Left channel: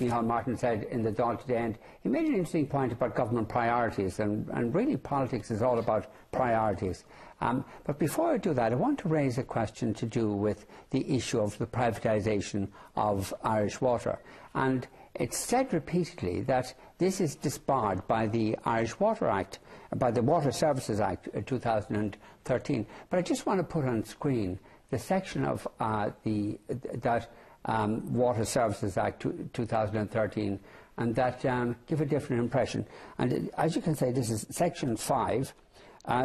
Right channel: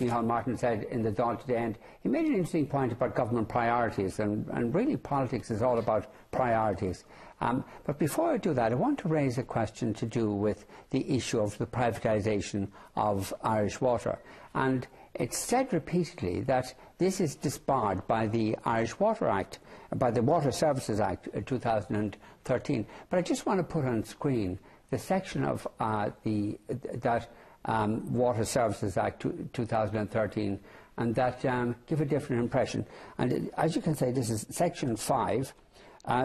Neil Martin said in the Dáil today, and he made an interesting point about government priorities, and really politics is all about priorities. But before I do that, I want to raise a question to do with the issue of the privatisation of Irish Water. And it's said repeatedly that this is disbarred by the Irish Water Act, by the Water Services Act 2013. But I just want to put on screen the section of Water Services Act 2013, and that give a different impression. And as you can see, this is section 5,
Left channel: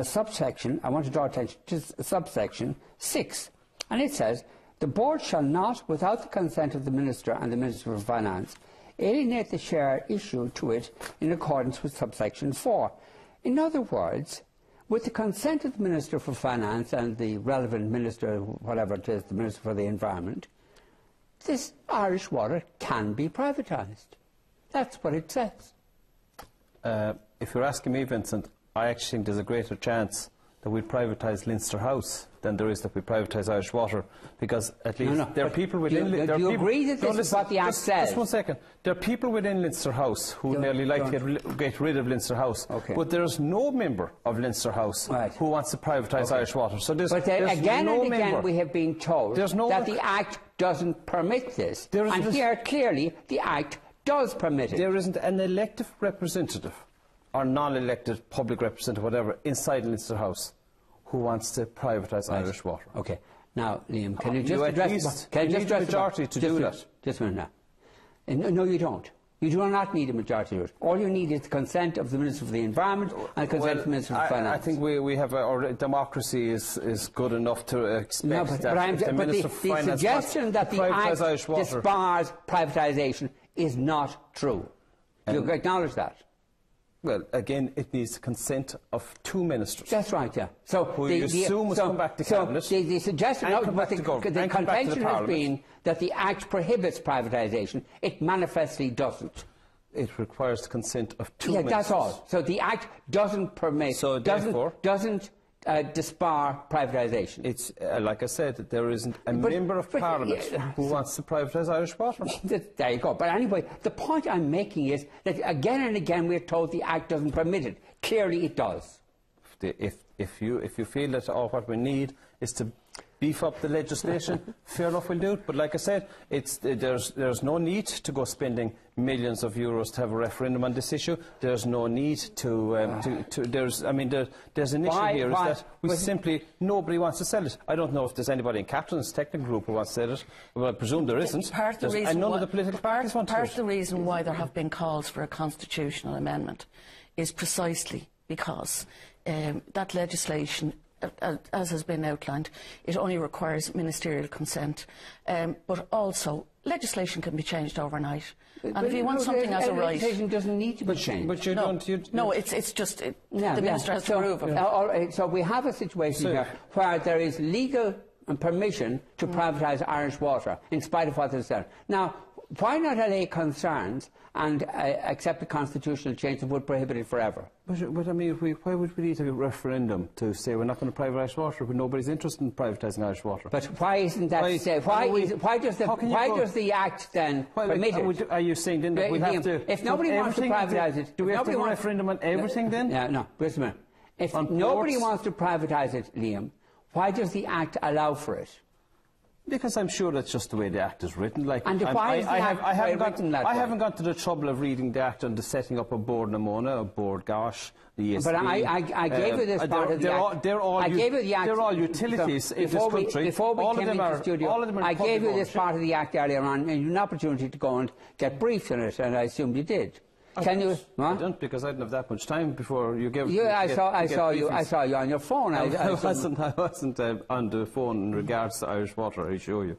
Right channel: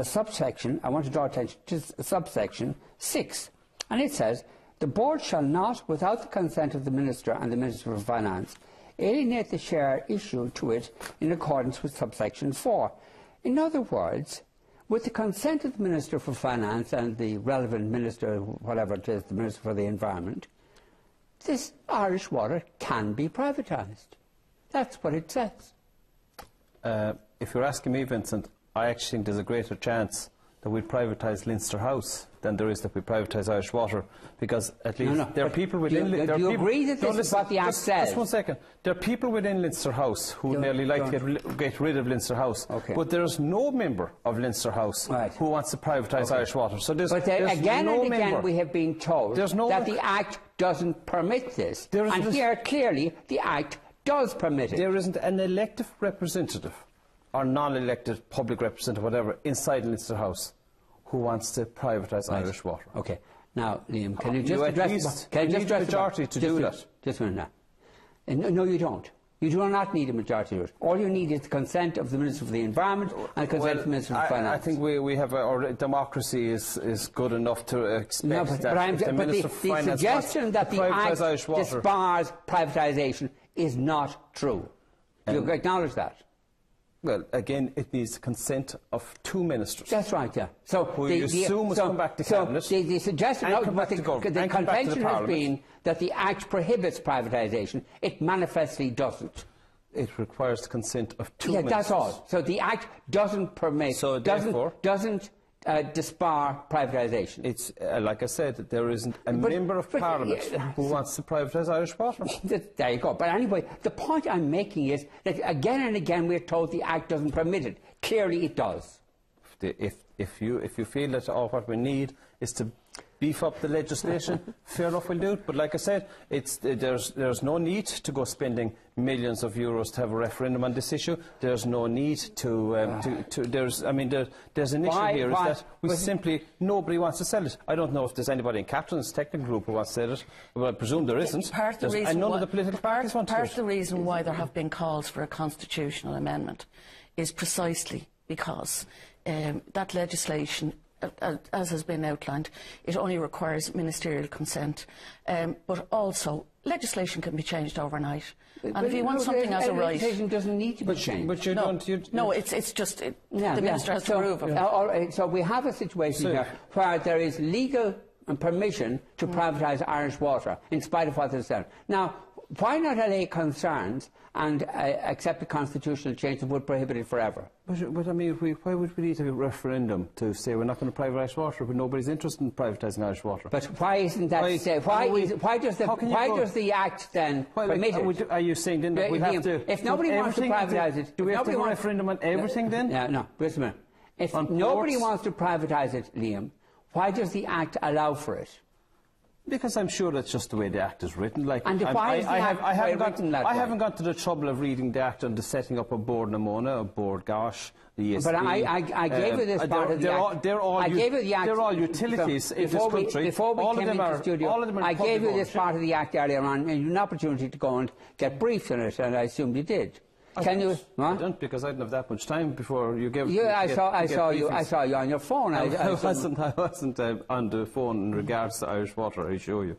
subsection, I want to draw attention to subsection 6, and it says, the board shall not, without the consent of the Minister and the Minister of Finance, alienate the share issued to it in accordance with subsection 4. In other words, with the consent of the Minister for Finance and the relevant Minister, whatever it is, the Minister for the Environment, this Irish water can be privatised. That's what it says. If you're asking me, Vincent, I actually think there's a greater chance that we privatise Leinster House than there is that we privatise Irish Water, because at least there are people within... Do you agree that this is what the Act says? Just 1 second. There are people within Leinster House who nearly like to get rid of Leinster House, but there's no member of Leinster House who wants to privatise Irish Water. So there's again no and again we have been told that the Act doesn't permit this, and here clearly the Act does permit it. There isn't an elected representative or non-elected public representative, whatever, inside Leinster House who wants to privatise Irish Water. Okay. Now, Liam, can you just address... Can you just address the majority to do that? Just a minute now. No, you don't. You do not need a majority to do it. All you need is the consent of the Minister for the Environment and consent of the Minister for Finance. I think we have our democracy is good enough to expect that the Minister for Finance... The suggestion that the Act disbars privatisation is not true. Do you acknowledge that? Well, again, it needs consent of 2 ministers. That's right, yeah. So you assume must come back to Cabinet. So the suggestion of the convention has been that the Act prohibits privatisation. It manifestly doesn't. It requires consent of 2 ministers. That's all. So the Act doesn't permit, doesn't disbar privatisation. It's like I said, there isn't a member of Parliament who wants to privatise Irish Water. There you go. But anyway, the point I'm making is that again and again we're told the Act doesn't permit it. Clearly it does. If you feel that what we need is to beef up the legislation, fair enough, we'll do it. But like I said, there's no need to go spending millions of euros to have a referendum on this issue. There's no need there's an issue here is that we simply, nobody wants to sell it. I don't know if there's anybody in Captain's technical group who wants to sell it. Well, I presume there isn't. Part of the reason why there have been calls for a constitutional amendment is precisely because that legislation, as has been outlined, it only requires ministerial consent, but also legislation can be changed overnight. And if you want something as a right, legislation doesn't need to be changed. But it's just the minister has to approve it. So we have a situation here where there is legal permission to privatise Irish water, in spite of what is said. Now, why not allay concerns and accept a constitutional change that would prohibit it forever? But I mean, why would we need a referendum to say we're not going to privatise water when nobody's interested in privatising Irish water? But why isn't that why does the Act then permit it? Are you saying then that we have to... If nobody wants to privatise it... Do we have to have a referendum on everything then? No, wait a minute. If nobody wants to privatise it, Liam, why does the Act allow for it? Because I'm sure that's just the way the Act is written. Like, and I haven't got to the trouble of reading the Act and the setting up a board Namona, a board Gosh, the ESB. But I gave you this part of the Act. They're all utilities in this country. Before we came into the studio, I gave you this part of the Act earlier on, and you had an opportunity to go and get briefed on it, and I assume you did. Can you? I don't, because I didn't have that much time before you gave. I saw you on your phone. I wasn't on the phone in regards to Irish Water. I assure you.